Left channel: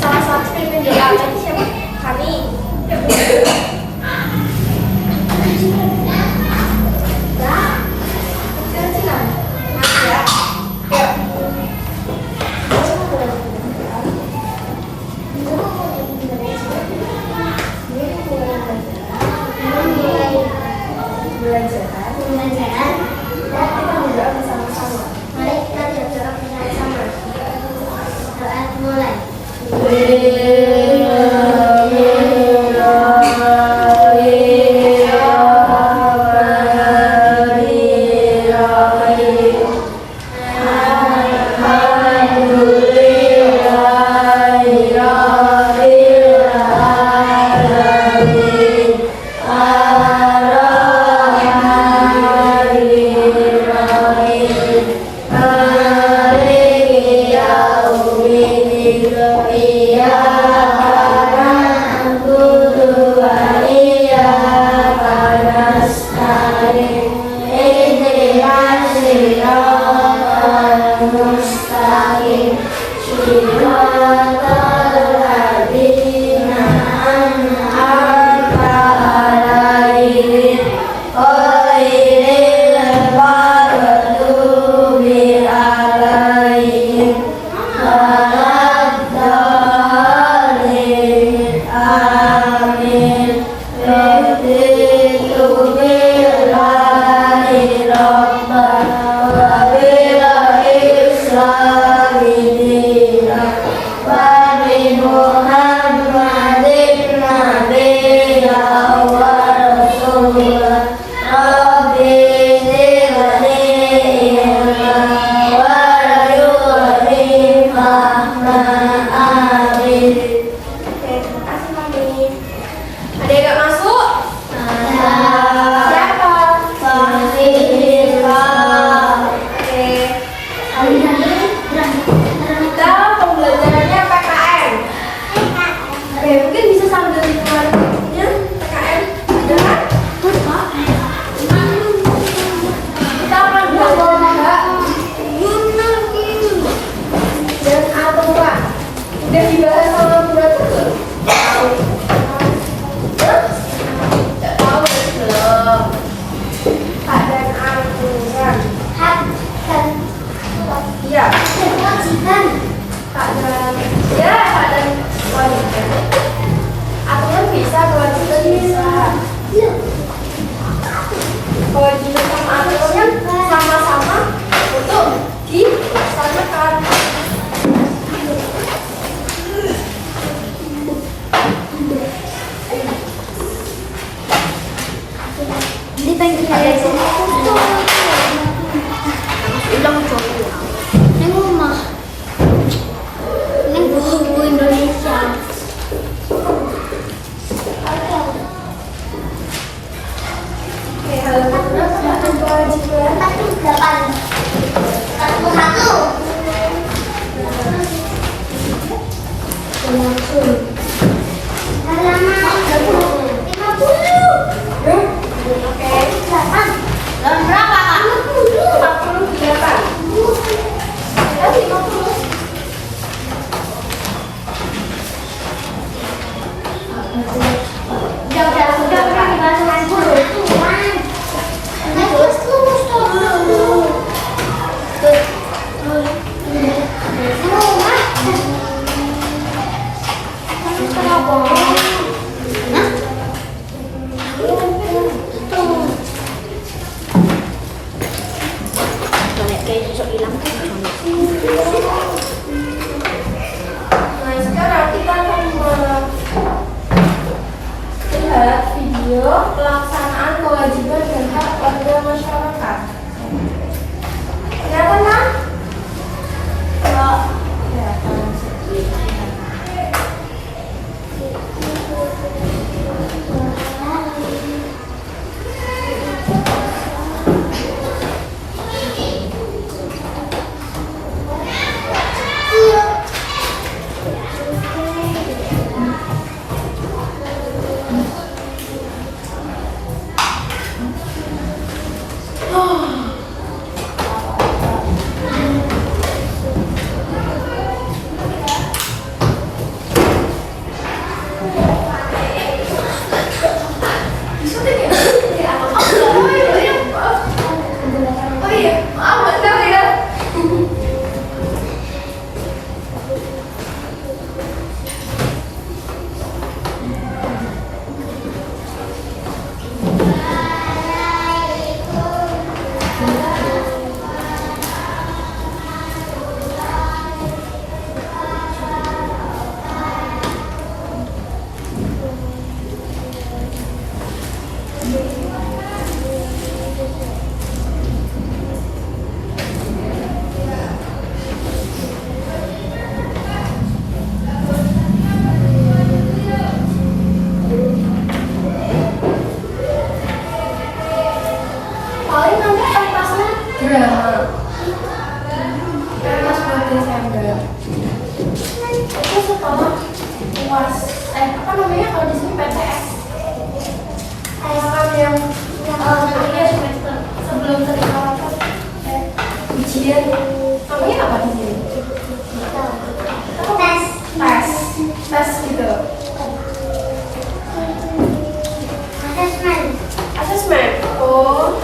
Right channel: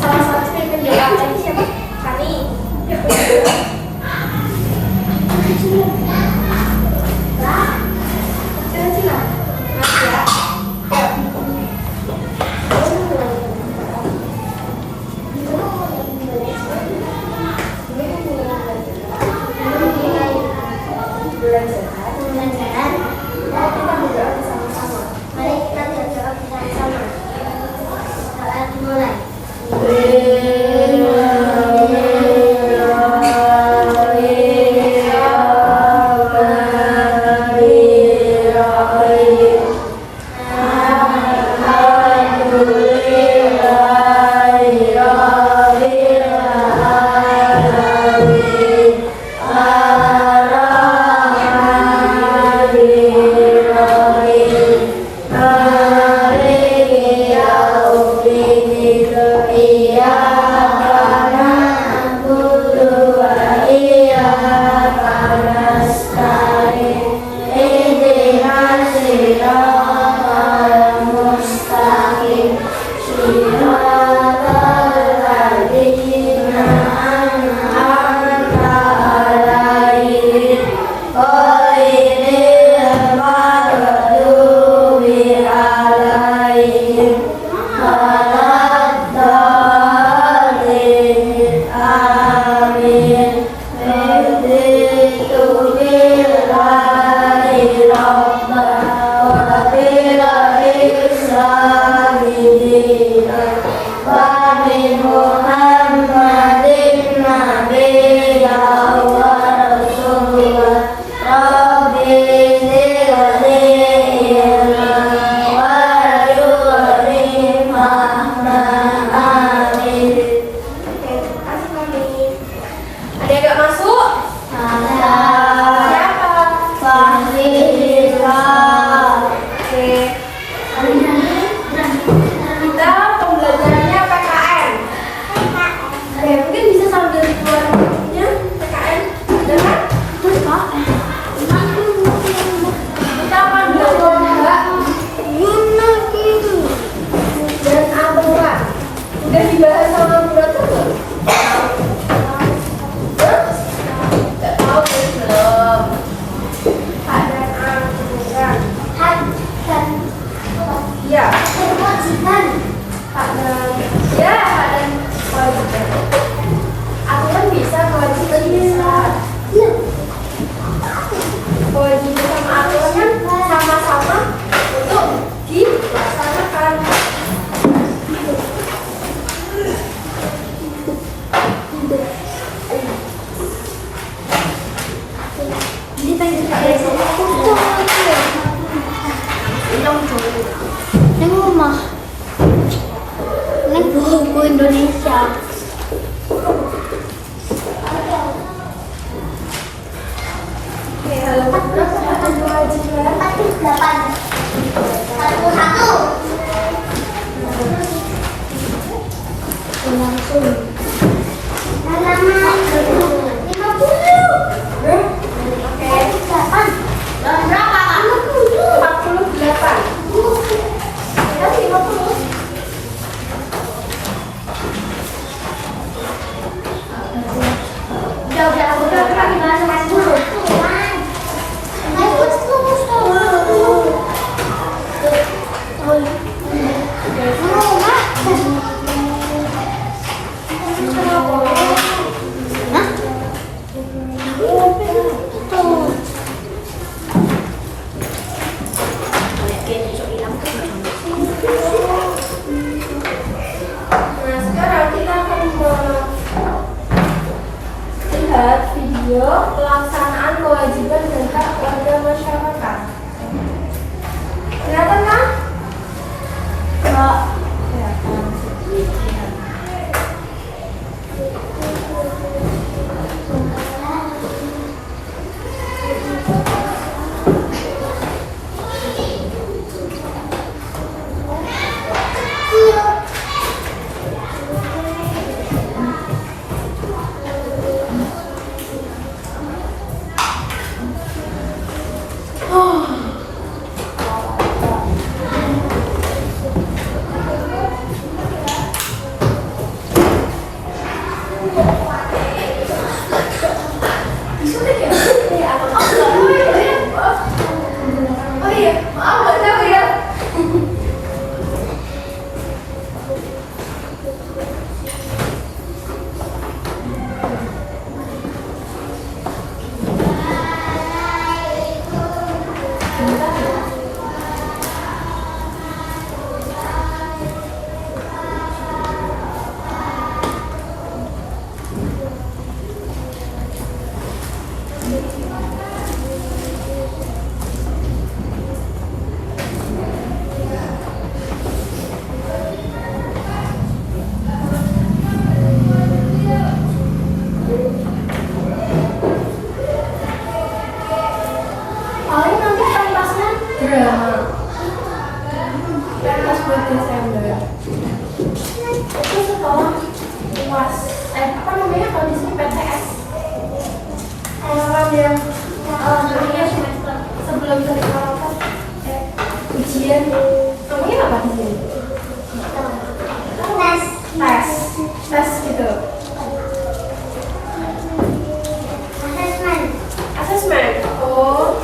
salah satu pemimpin Jakarta ini siapa? Kani. Pelaksanaan kewajiban dan hak warga masyarakat. Kelihatan, Ma? Oh, UAS. Apa namanya kalau di PTS? Alarm yang akhirnya semester sebelum terima rapat. Ujian. Namanya apa di sini? Tes gitu. Asesmen. Oh.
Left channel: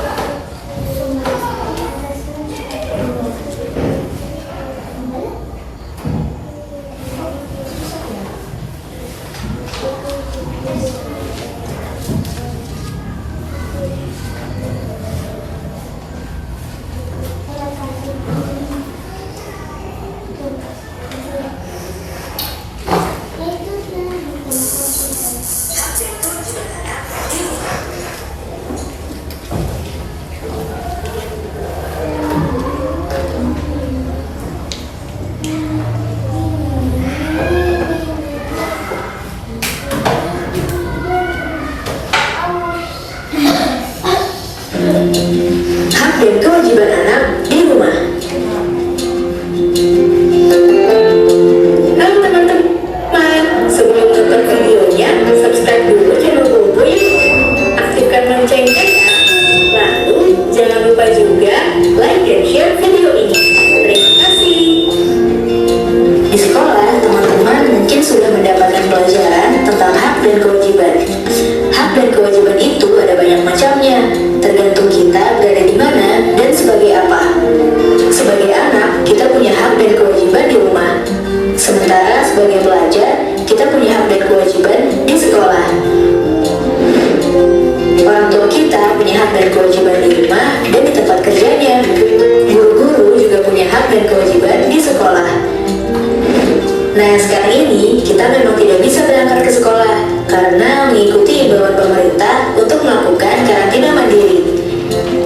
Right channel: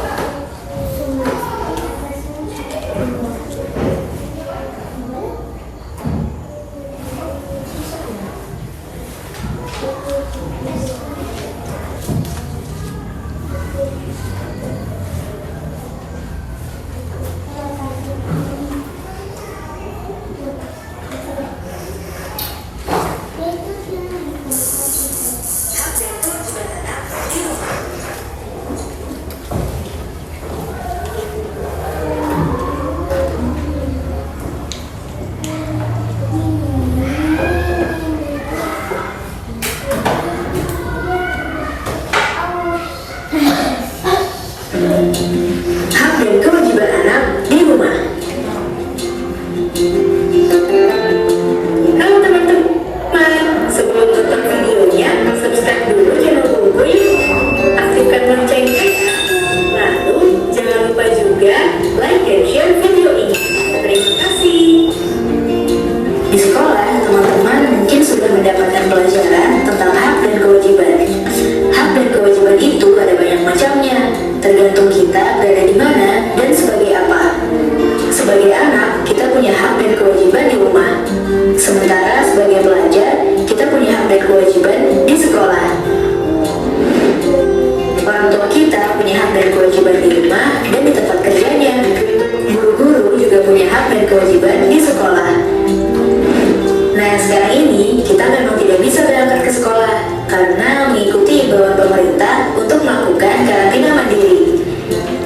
Hak dan kewajiban anak di rumah. Halo teman-teman, sebelum nonton videonya, subscribe dulu channel Bobo yuk. Aktifkan loncengnya ya. Lalu jangan lupa juga like dan share video ini. Terima kasih. Di sekolah, teman-teman mungkin sudah mendapatkan pelajaran tentang hak dan kewajiban. Hak dan kewajiban itu ada banyak macamnya, tergantung kita berada di mana dan sebagai apa. Sebagai anak, kita punya hak dan kewajiban di rumah. Sementara sebagai pelajar, kita punya hak dan kewajiban di sekolah. Orang tua kita punya hak dan kewajiban di rumah dan di tempat kerjanya. Guru-guru juga punya hak dan kewajiban di sekolah. Nah, sekarang ini kita memang tidak bisa berangkat ke sekolah karena mengikuti imbauan pemerintah untuk melakukan karantina mandiri.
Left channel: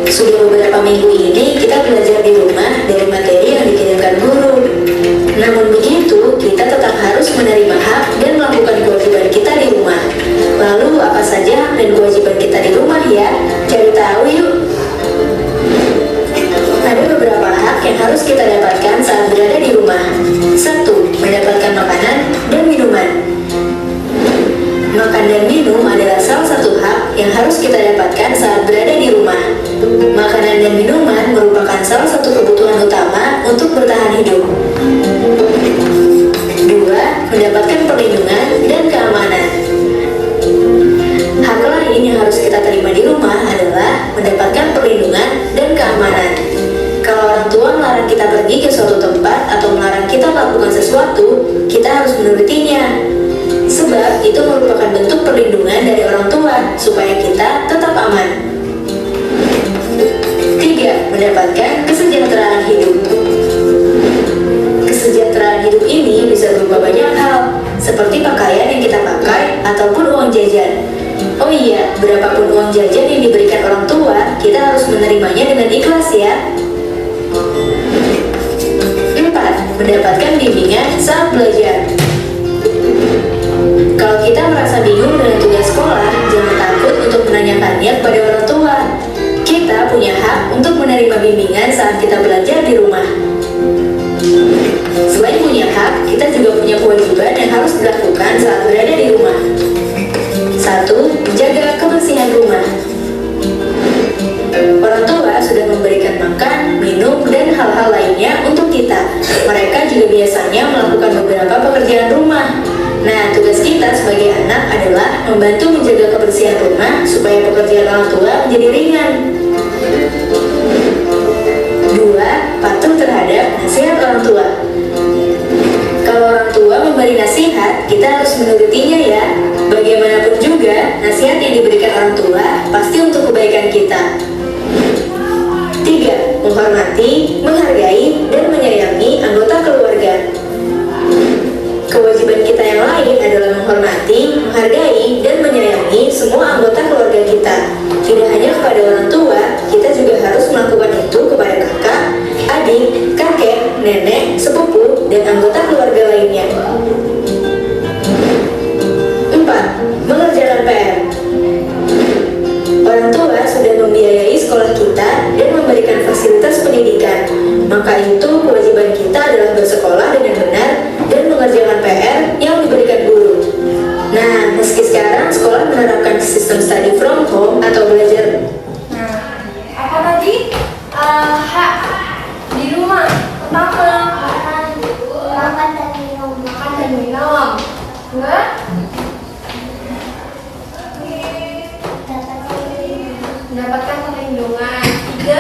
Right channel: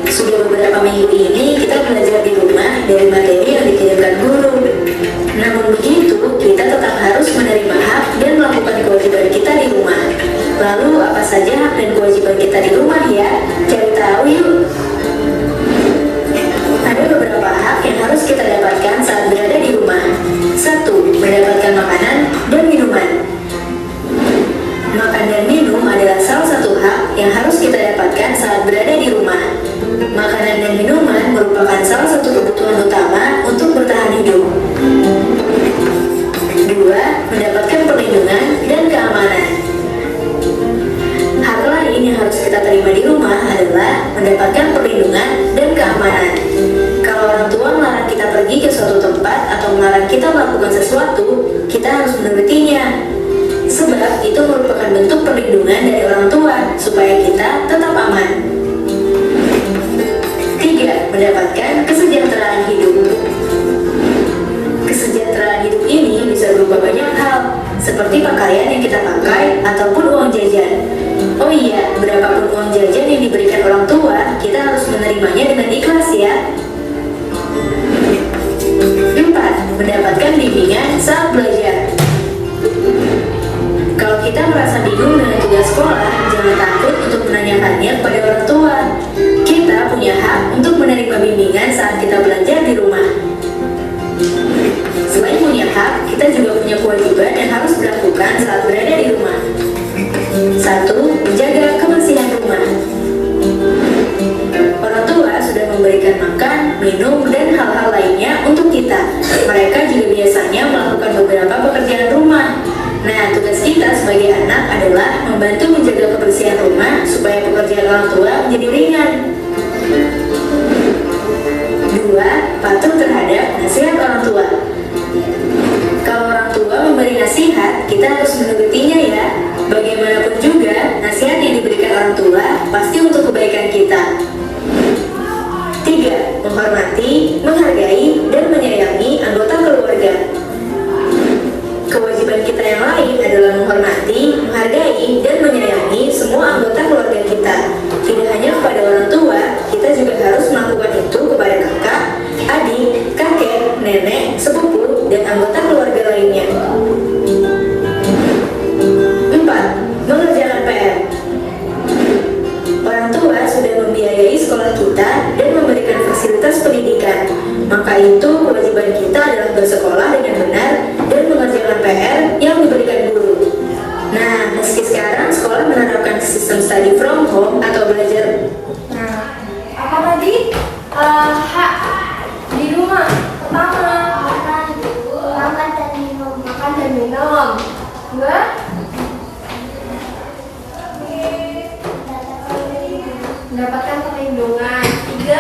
Sudah beberapa minggu ini kita belajar di rumah dari materi yang dikirimkan guru. Namun begitu, kita tetap harus menerima hak dan melakukan kewajiban kita di rumah. Lalu apa saja hak dan kewajiban kita di rumah ya? Cari tahu yuk. Ada beberapa hak yang harus kita dapatkan saat berada di rumah. 1. Mendapatkan makanan dan minuman. Makan dan minum adalah salah satu hak yang harus kita dapatkan saat berada di rumah. Makanan dan minuman merupakan salah satu kebutuhan utama untuk bertahan hidup. 2. Mendapatkan perlindungan dan keamanan. Hak lain yang harus kita terima di rumah adalah mendapatkan perlindungan dan keamanan. Kalau orang tua melarang kita pergi ke suatu tempat atau melarang kita melakukan sesuatu, kita harus menurutinya. Sebab itu merupakan bentuk perlindungan dari orang tua supaya kita tetap aman. 3. Mendapatkan kesejahteraan hidup. Kesejahteraan hidup ini bisa berupa banyak hal, seperti pakaian yang kita pakai ataupun uang jajan. Oh iya, berapapun uang jajan yang diberikan orang tua, kita harus menerimanya dengan ikhlas ya. 4. Mendapatkan bimbingan saat belajar. Kalau kita merasa bingung dengan tugas sekolah, jangan takut untuk menanyakannya kepada orang tua. Kita punya hak untuk menerima bimbingan saat kita belajar di rumah. Selain punya hak, kita juga punya kewajiban yang harus dilakukan saat berada di rumah. 1. Menjaga kebersihan rumah. Orang tua sudah memberikan makan, minum, dan hal-hal lainnya untuk kita. Mereka juga biasanya melakukan beberapa pekerjaan rumah. Nah, tugas kita sebagai anak adalah membantu menjaga kebersihan rumah supaya pekerjaan orang tua menjadi ringan. 2. Patuh terhadap nasihat orang tua. Kalau orang tua memberi nasihat, kita harus menurutinya ya. Bagaimanapun juga, nasihat yang diberikan orang tua pasti untuk kebaikan kita. 3. Menghormati, menghargai, dan menyayangi anggota keluarga. Kewajiban kita yang lain adalah menghormati, menghargai, dan menyayangi semua anggota keluarga kita. Tidak hanya kepada orang tua, kita juga harus melakukan itu kepada kakak, adik, kakek, nenek, sepupu, dan anggota keluarga lainnya. 4. Mengerjakan PR. Orang tua sudah membiayai sekolah kita dan memberikan fasilitas pendidikan. Maka itu kewajiban kita adalah bersekolah dengan benar dan mengerjakan PR yang 2, mendapatkan perlindungan. 3,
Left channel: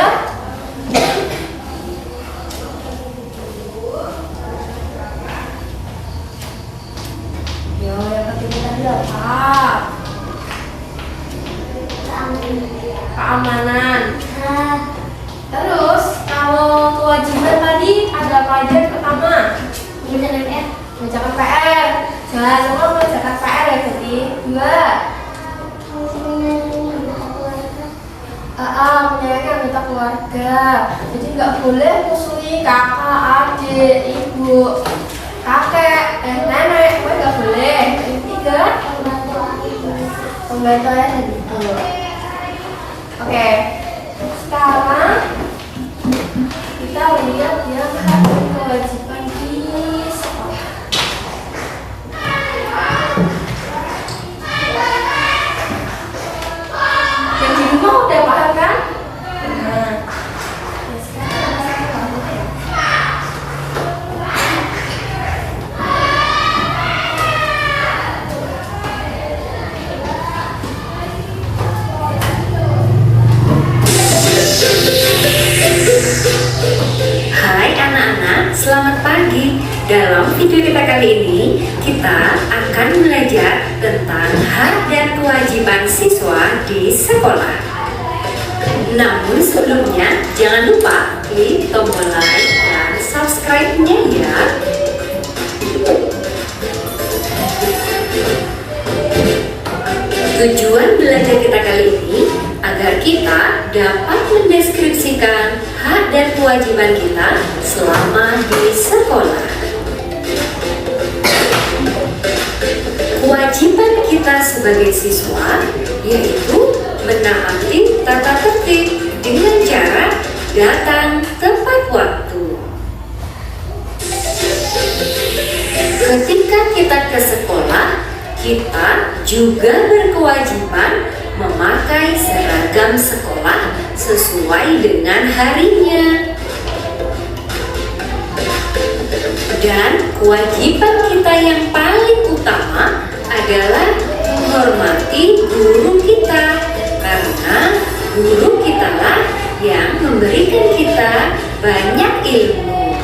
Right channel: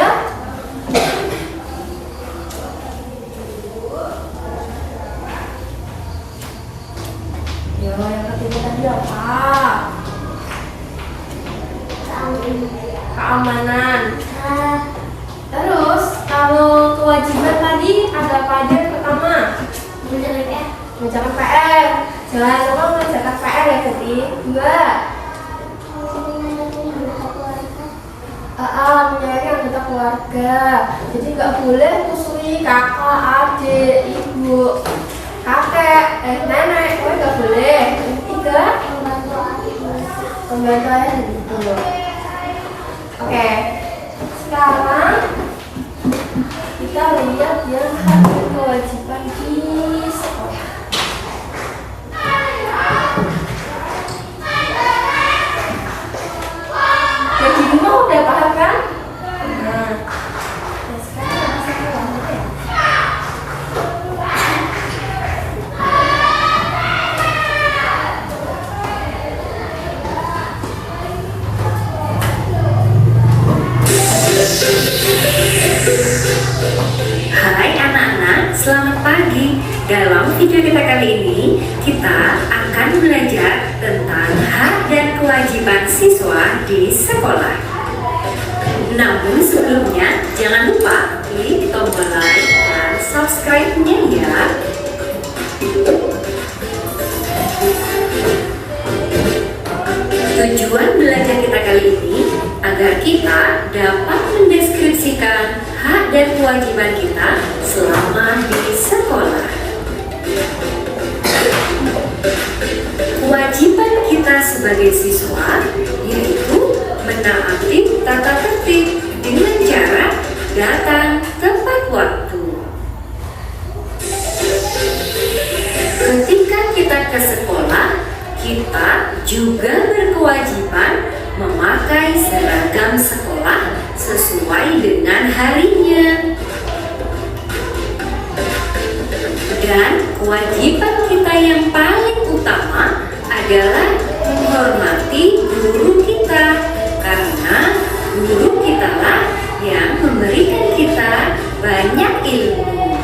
yang ketiga tadi apa? Keamanan. Terus kalau kewajiban tadi ada apa aja? Yang pertama, mengerjakan PR. Jangan lupa mengerjakan PR ya, jadi 2, menyayangi anggota keluarga. Jadi nggak boleh musuhi kakak, adik, ibu, kakek, nenek, nggak boleh. 3, membantu ayah dan ibu. Oke, sekarang kita lihat yang hak dan kewajiban di sekolah. Yang di rumah udah paham kan? Nah, sekarang kita satu ya. Hai anak-anak, selamat pagi. Dalam video kita kali ini, kita akan belajar tentang hak dan kewajiban siswa di sekolah. Namun sebelumnya, jangan lupa klik tombol like dan subscribe-nya ya. Tujuan belajar kita kali ini agar kita dapat mendeskripsikan hak dan kewajiban kita selama di sekolah. Kewajiban kita sebagai siswa yaitu menaati tata tertib dengan cara datang tepat waktu. Ketika kita ke sekolah, kita juga berkewajiban memakai seragam sekolah sesuai dengan harinya. Dan kewajiban kita yang paling utama adalah menghormati guru kita, karena guru kitalah yang memberikan kita banyak ilmu.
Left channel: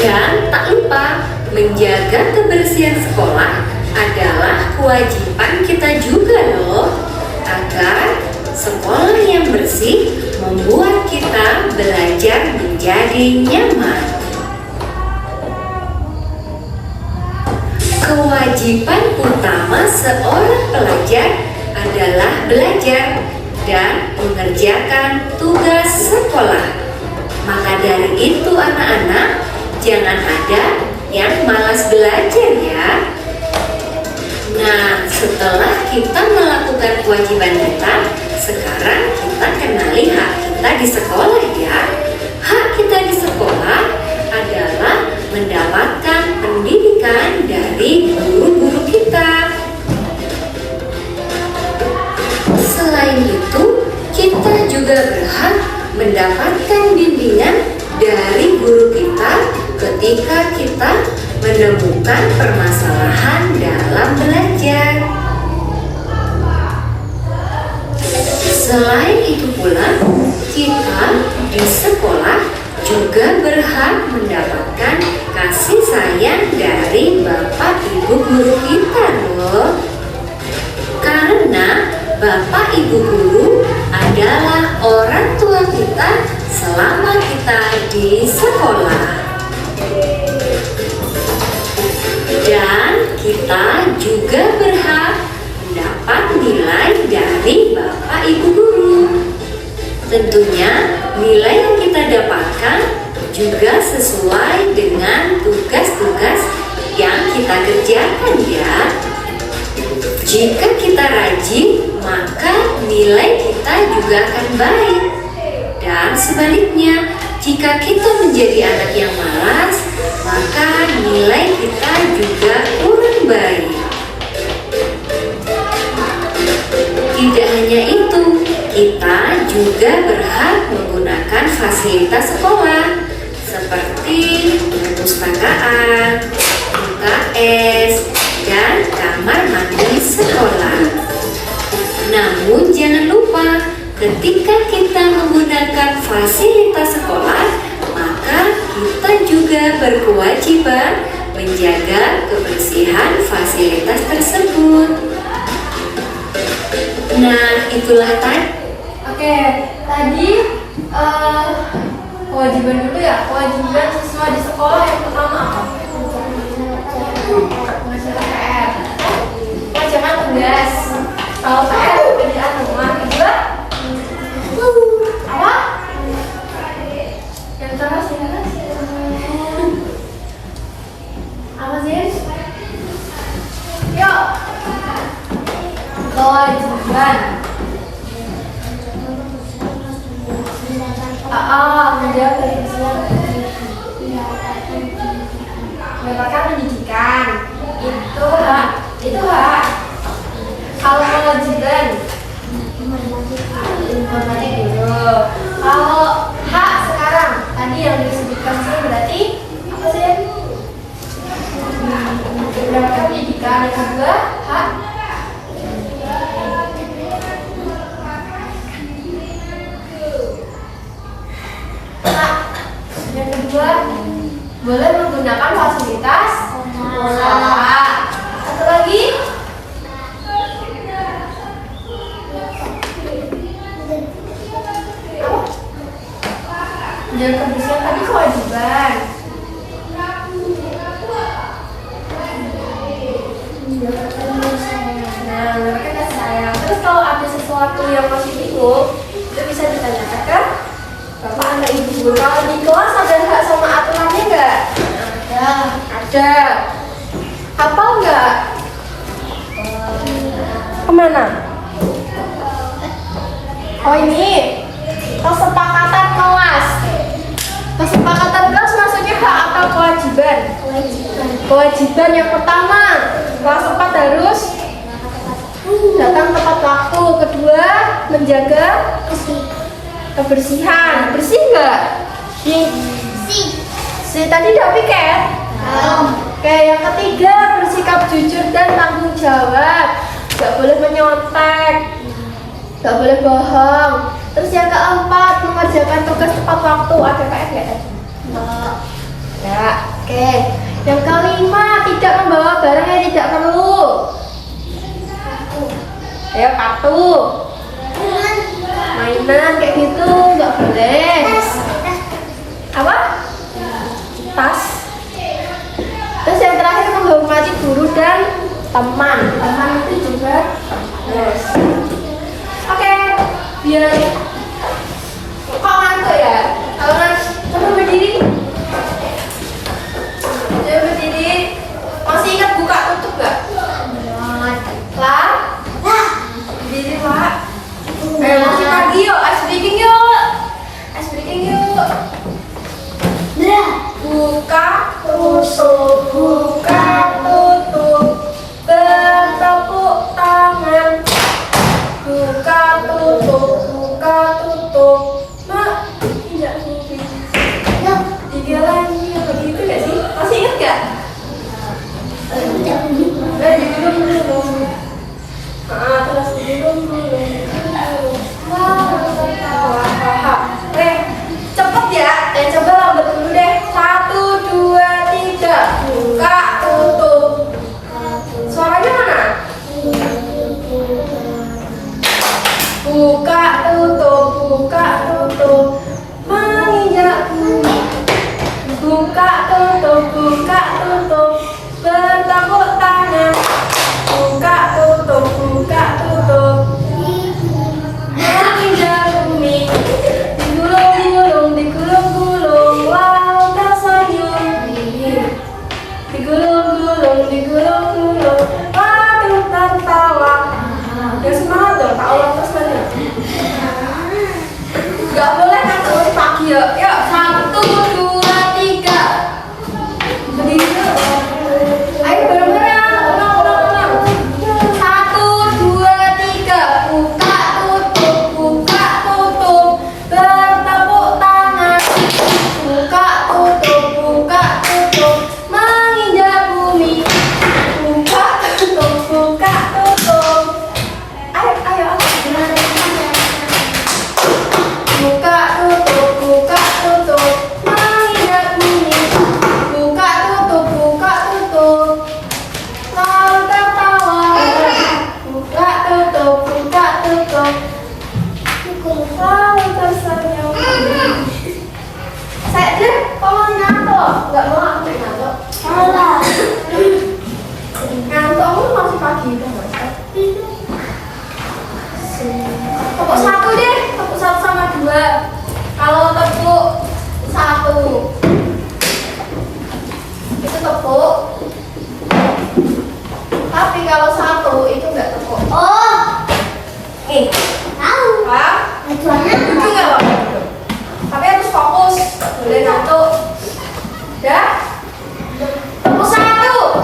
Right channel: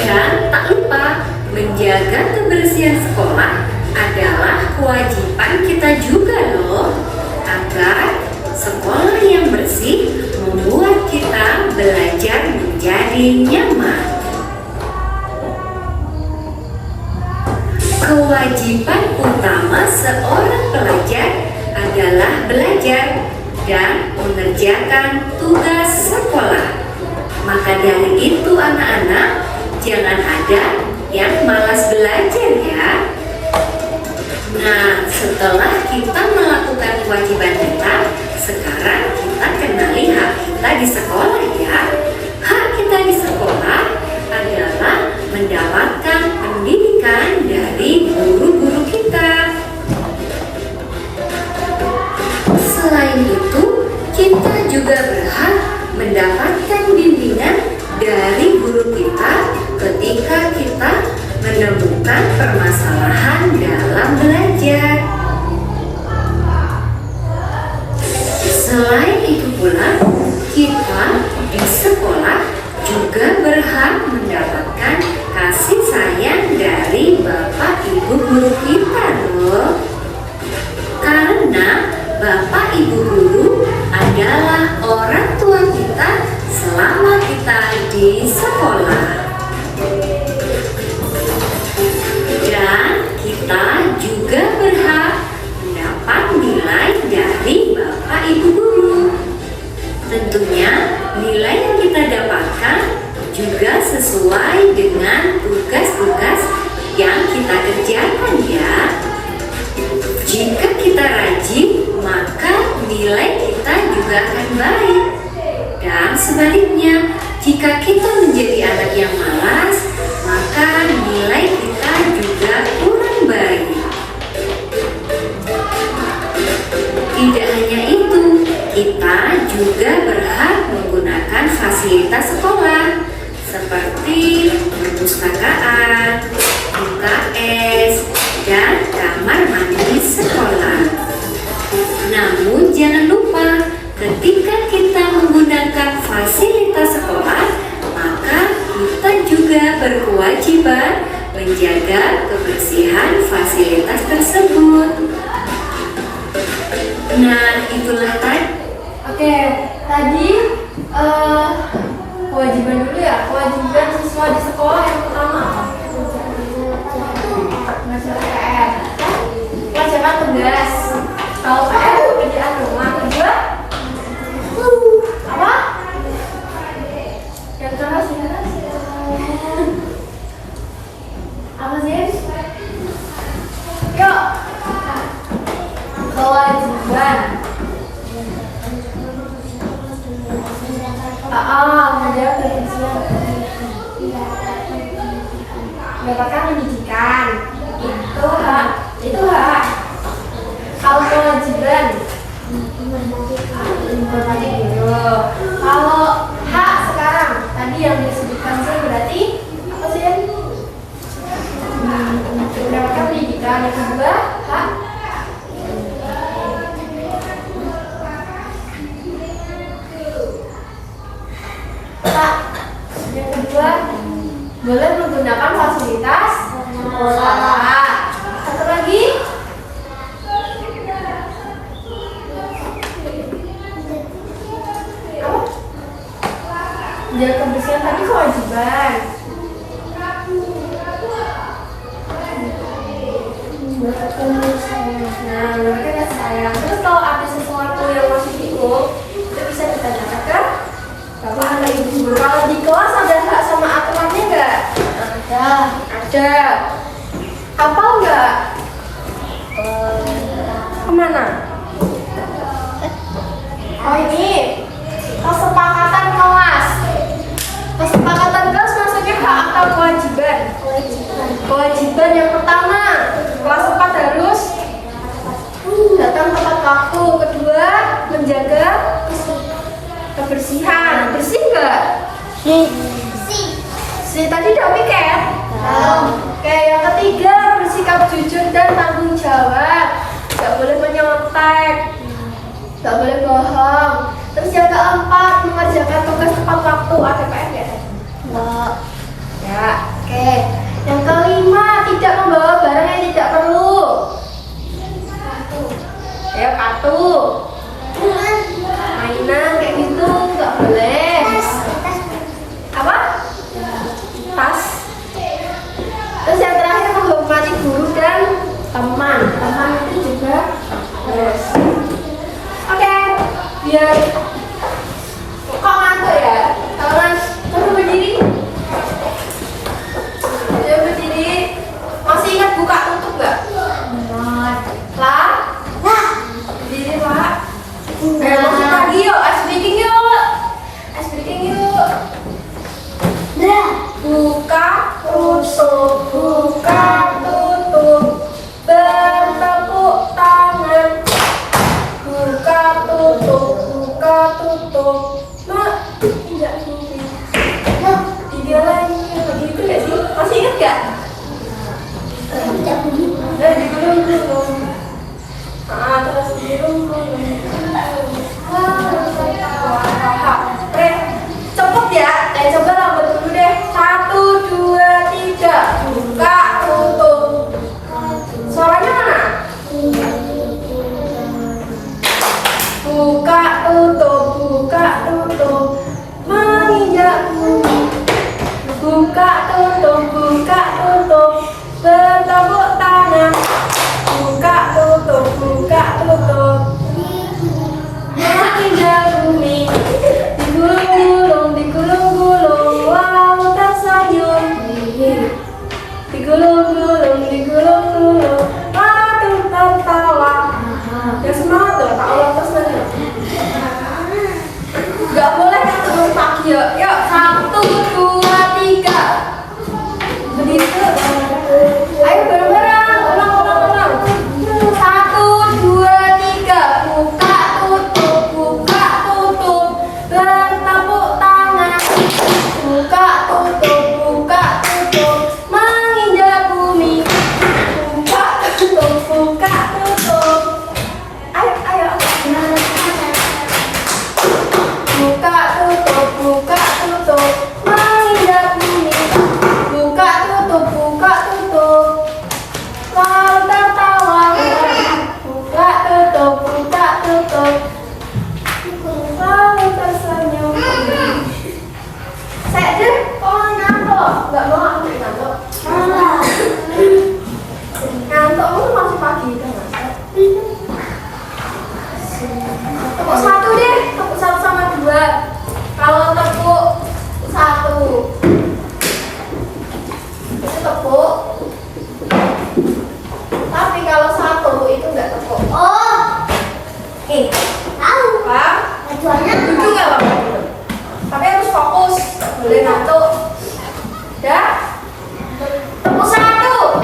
Dan tak lupa, menjaga kebersihan sekolah adalah kewajiban kita juga loh, agar sekolah yang bersih membuat kita belajar menjadi nyaman. Kewajiban utama seorang pelajar adalah belajar dan mengerjakan tugas sekolah. Maka dari itu anak-anak, jangan ada yang malas belajar ya. Nah, setelah kita melakukan kewajiban kita, sekarang kita kenali hak kita di sekolah ya. Hak kita di sekolah adalah mendapatkan pendidikan dari guru-guru kita. Selain itu, kita juga berhak mendapatkan bimbingan dari guru kita ketika kita menemukan permasalahan dalam belajar. Selain itu pula, kita di sekolah juga berhak mendapatkan kasih sayang dari Bapak Ibu guru kita loh. Karena Bapak Ibu guru adalah orang tua kita selama kita di sekolah. Dan kita juga berhak mendapat nilai dari Bapak Ibu guru. Tentunya nilai yang kita dapatkan juga sesuai dengan tugas-tugas yang kita kerjakan ya. Jika kita rajin, maka nilai kita juga akan baik. Dan sebaliknya, jika kita menjadi anak yang malas, maka nilai kita juga kurang baik. Tidak hanya itu, kita juga berhak menggunakan fasilitas sekolah seperti perpustakaan, kewajiban menjaga kebersihan fasilitas tersebut. Nah, itulah tadi. Oke, tadi kewajiban dulu ya. Kewajiban siswa di sekolah yang pertama apa? Mengerjakan PR. Mengerjakan tugas. Kalau PR kerjaan rumah. Kedua apa? Yang keras ya? Apa sih? Yuk. Kewajiban. Menjaga kebersihan. Mendapatkan pendidikan. Itu hak. Kalau kewajiban informasi dulu. Kalau hak sekarang tadi yang disebutkan sih berarti apa sih? Mendapatkan pendidikan. Yang kedua hak. Yang kedua boleh menggunakan fasilitas sekolah. Satu lagi menjaga kebersihan tadi kewajiban. Nah, mereka kasih sayang. Terus kalau ada sesuatu yang masih bingung, itu bisa ditanyakan ke bapak atau ibu. Kalau di kelas ada hak sama aturannya nggak? Ada. Hafal nggak? Kemana? Oh ini kesepakatan kelas. Kesepakatan kelas maksudnya hak atau kewajiban? Kewajiban yang pertama, kelas 4 harus datang tepat waktu. Kedua, menjaga kebersihan. Bersih nggak? Bersih. Tadi udah piket? Oke, yang ketiga, bersikap jujur dan tanggung jawab. Nggak boleh menyontek, nggak boleh bohong. Terus yang keempat, mengerjakan tugas tepat waktu. Ada PR nggak tadi? Ya, oke. Yang kelima, tidak membawa barang yang tidak perlu. Ayo, kartu. Mainan kayak gitu nggak boleh. Apa? Tas. Terus yang terakhir, menghormati guru dan teman. Teman itu juga terus. Oke, biar kok ngantuk ya? Kalau coba berdiri. Coba berdiri. Masih ingat buka tutup nggak? Lah. Berdiri Pak. Ayo masuk lagi yuk. Ice breaking yuk. Ice breaking yuk. Buka tutup. Buka tutup. Bertepuk tangan. Buka tutup. Buka tutup. Mak, tidak mungkin. Tiga lagi itu gak sih? Masih ingat gak? Digulung-gulung. Terus digulung-gulung. Wah. Oke, cepet ya. Coba lambat dulu deh. 1, 2, 3. Buka tutup. Suaranya mana? Buka tutup. Buka tutup. Menginjak bumi. Buka tutup. Buka tutup. Bertepuk tangan. Buka tutup. Buka tutup. Menginjak bumi. Digulung-gulung. Digulung-gulung. Laut tersenyum. Digulung-gulung. Digulung-gulung. Laut tertawa. Ya semangat dong. Tak ulang terus nanti. Gak boleh kan terus pagi ya. Yuk 1, 2, 3. Berdiri. Ayo bareng-bareng. Ulang. 1, 2, 3. Buka tutup. Buka tutup. Bertepuk tangan. Buka tutup. Buka tutup. Menginjak bumi. Buka tutup. Buka tutup. Ayo. Buka tutup. Buka tutup. ngantuk ngantuk. Ngantuk aku masih pagi itu ngantuk. Tepuk 1 deh, tepuk 1 sama 2. Kalau tepuk 1 itu tepuk. Tapi kalau 1 itu enggak tepuk. Oh, tahu. Paham? Tujuannya Duduk nggak Bapak? Tapi harus fokus, nggak boleh ngantuk. Udah? Tepuk 1,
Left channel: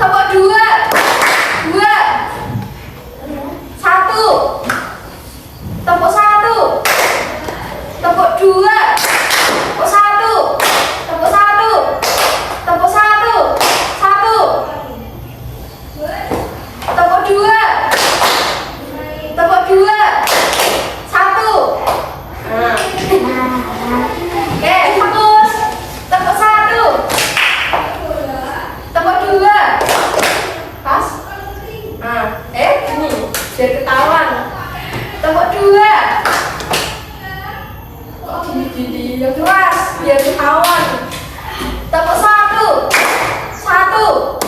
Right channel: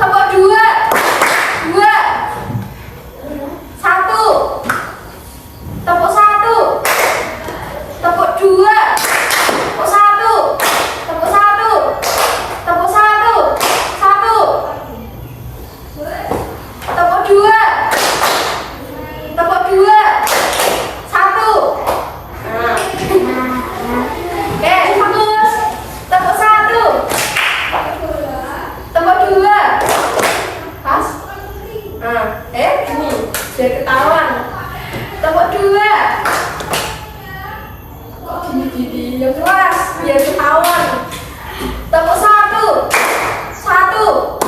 tepuk 2, 1, tepuk 1, tepuk 2, tepuk 1, tepuk 1, tepuk 1, 1, tepuk 2, tepuk 2, 1. Nah. Oke, fokus. Tepuk 1, tepuk 2. Pas. Nah, ini biar ketahuan. Tepuk 2. Kok gini-gini yang keras biar ketahuan. Tepuk 1, 1.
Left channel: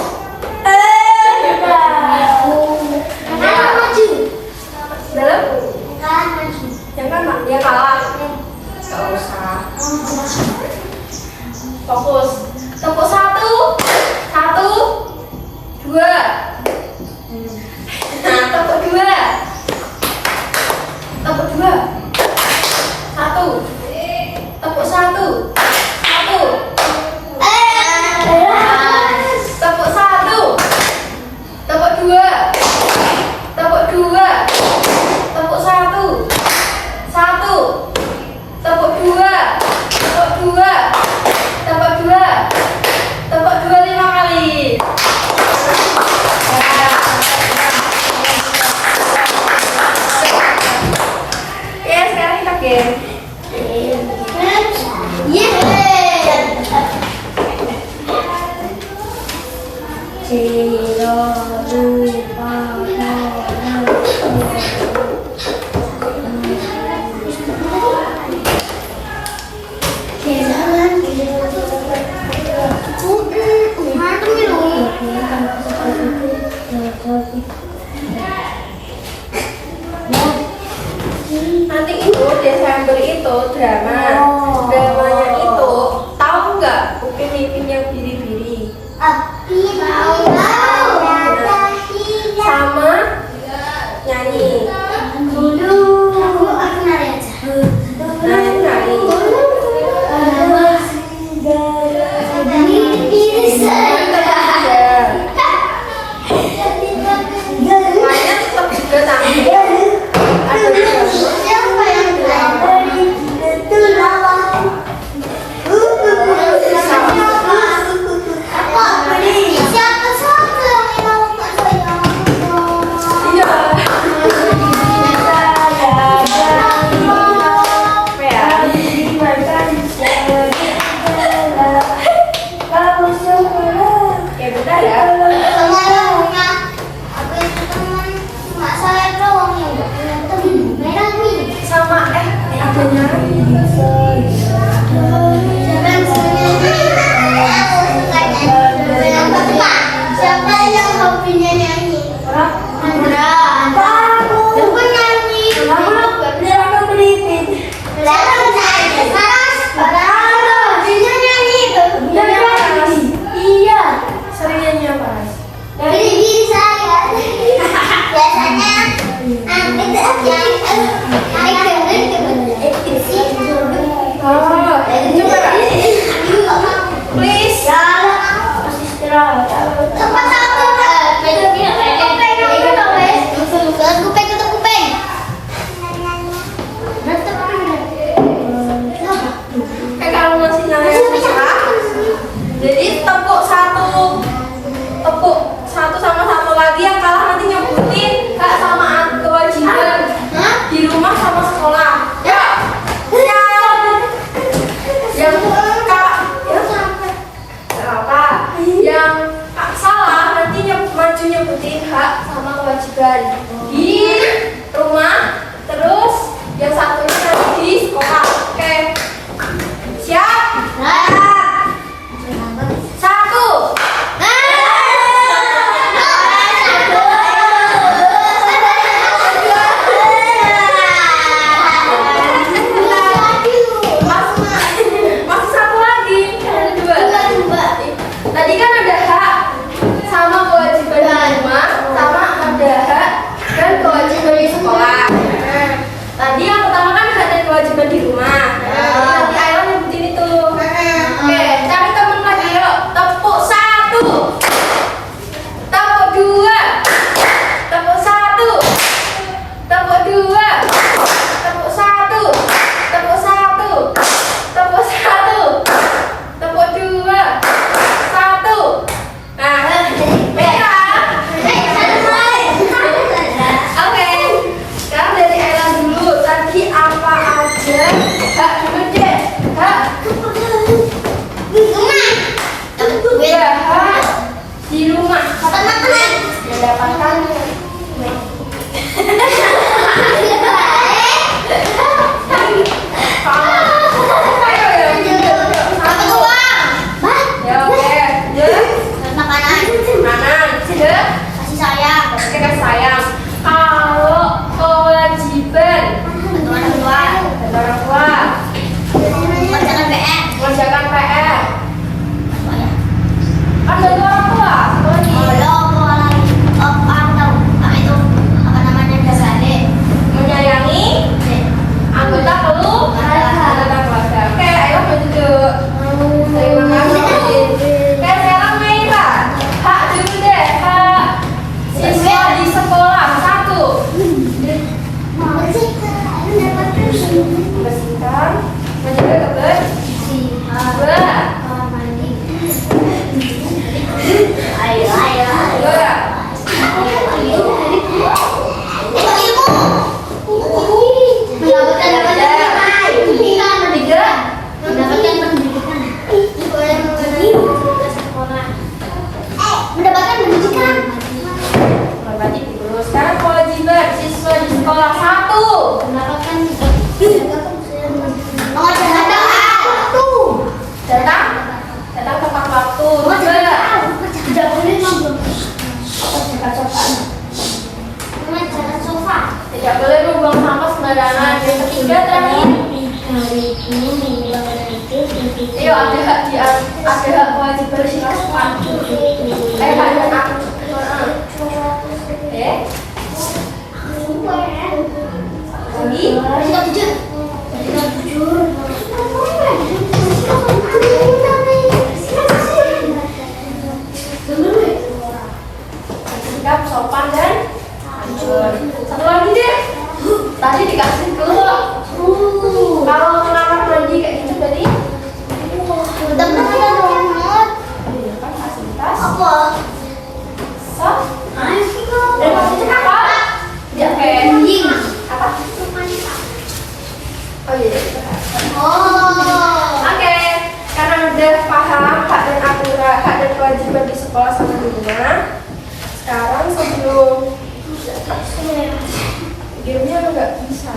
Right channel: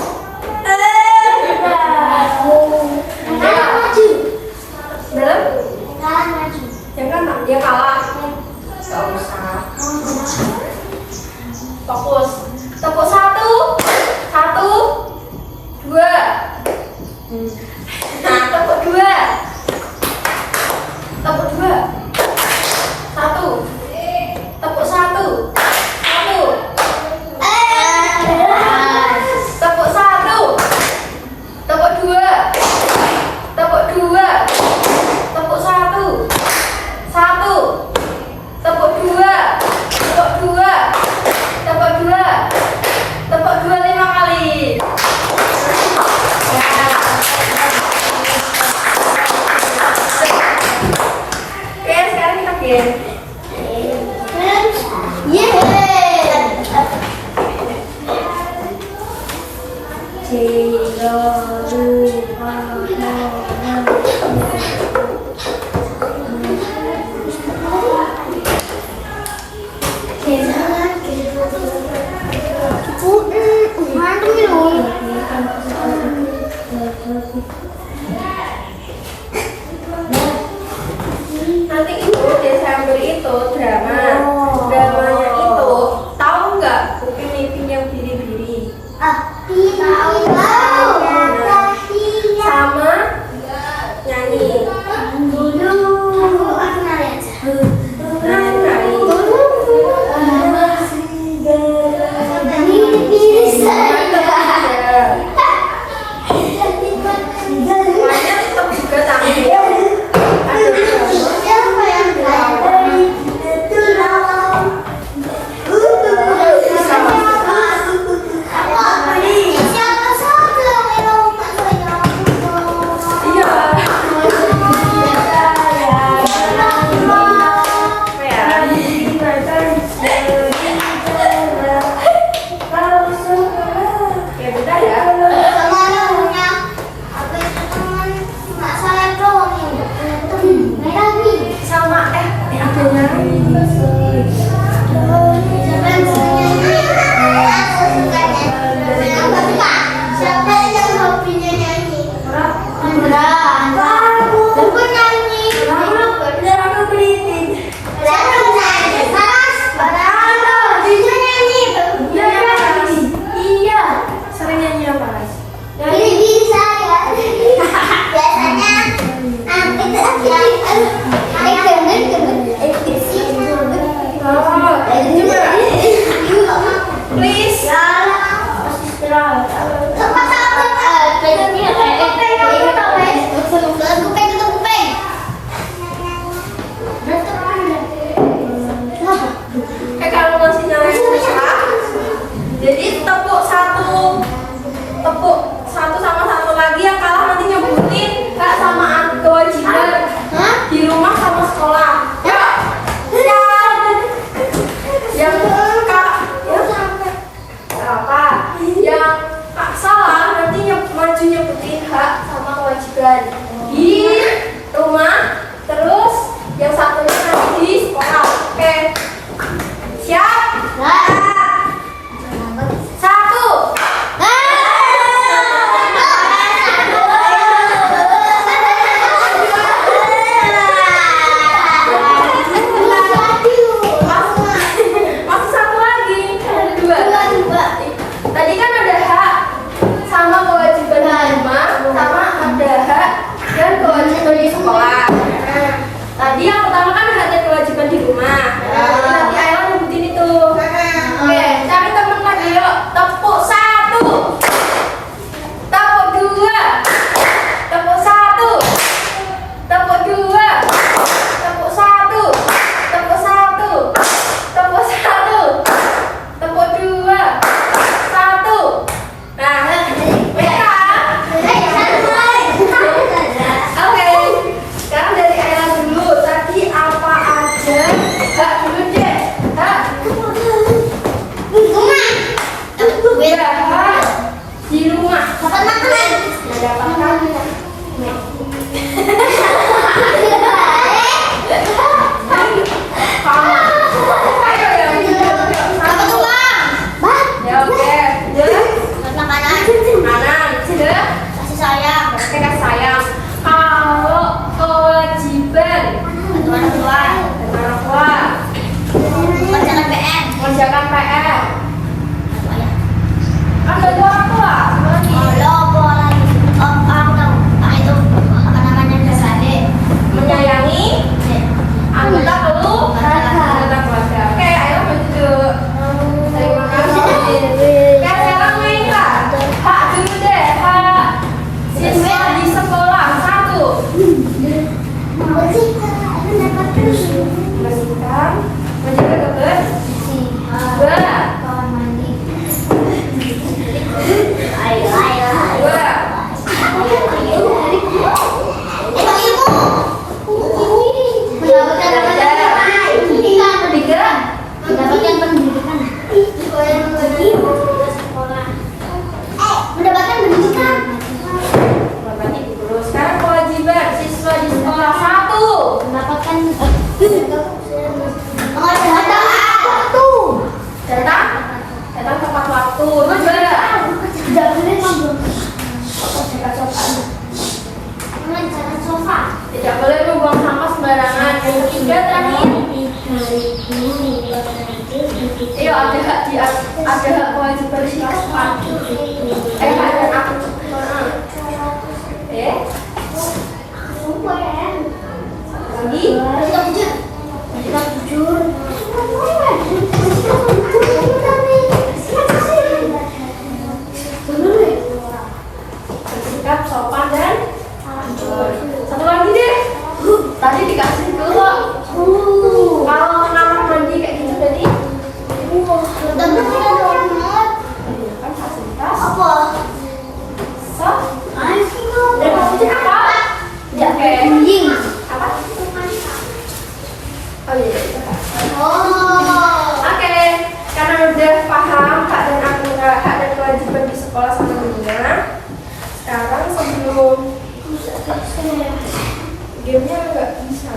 Kanan maju. Dalam Kanan maju. yang kan dia kalah. Gak usah. Fokus. Tepuk 1, 1, 2. Nah, tepuk 2. Tepuk 2. 1. Tepuk 1. 1. Tepuk 1. Tepuk 2. Tepuk 2. Tepuk 1. 1. Tepuk 2. Tepuk 2. Tepuk 2. Tepuk 2 5 kali. Ya, sekarang kita game. Nanti itu Desember itu drama. Dramanya itu tahu nggak Upin Ipin yang biri-biri? Sama nyanyi. Nah, itu nyanyi. Semuanya tetap juga tampil. Ada sama ada nyanyi. Siapa yang hobinya nyanyi? Andra. Aku nyanyi. Siapa nyanyi? Hobinya nyanyi. Iya. Sering nyanyi apa, Ras? Dari diri saya. Biasanya Oh, coba please. Tempat apa? Kalau masih nyala yang susah, jadi tepuk 1, tepuk 1 sama 1 lagi, yang kalah nanti nyebutin Kak sama kewajiban di rumah sama sekolah. Ya, yang kalah ya apa? Yang salah nanti maju nyebutin hak sama kewajiban di rumah, terus yang satunya nanti di sekolah. Oke, siap? Ayo, ayo. Dua. Mendapatkan pendidikan. Tiga. Mendapatkan pendidikan. Mendapatkan pendidikan. Berarti dulu. Sekarang kewajiban siswa di sekolah. Satu. Mendapatkan waktu. Datang tepat waktu. Dua. Tidak boleh mabuk. Jangan sofa. Tidak boleh membuang sampah sembarangan. Yang ketiga terakhir. Ayo ada hak kewajiban siswa. Hak dan aku. Maaf. Lagi. Bersikap sopan dan jujur. Satu lagi deh. Tadi dikasih keluar. Kalau kamar mandi kayak gitu tadi. Kan fasilitas. So. Dan fasilitas apa? Oke. Apa? Oh iya. Oke, karena udah paham hak dan aturan, hak dan kewajiban di sekolah sama dunia. Sekarang sebelum gamenya nggak bisa.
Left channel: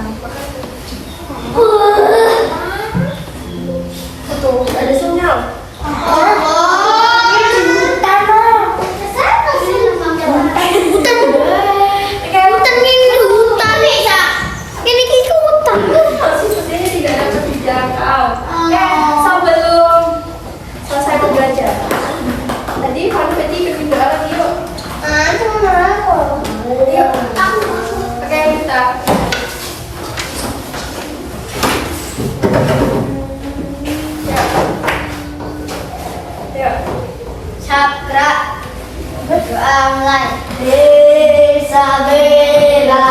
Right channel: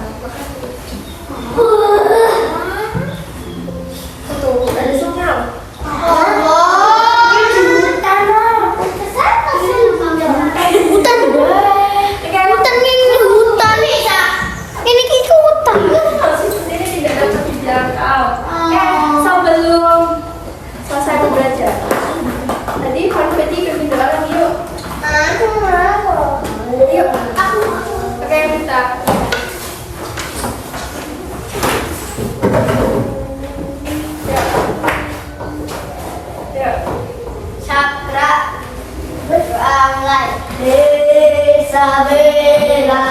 Tuh, ada sinyal. Ini tidak dapat dijangkau. Sebelum selesai belajar. Tadi konfeti berpindah lagi yuk. Yuk. Oke kita. Yuk. Cakra berdoa mulai. Desa bela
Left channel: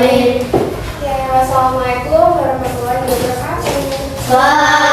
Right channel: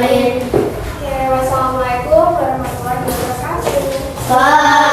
Oke, wassalamualaikum warahmatullahi wabarakatuh. Bye.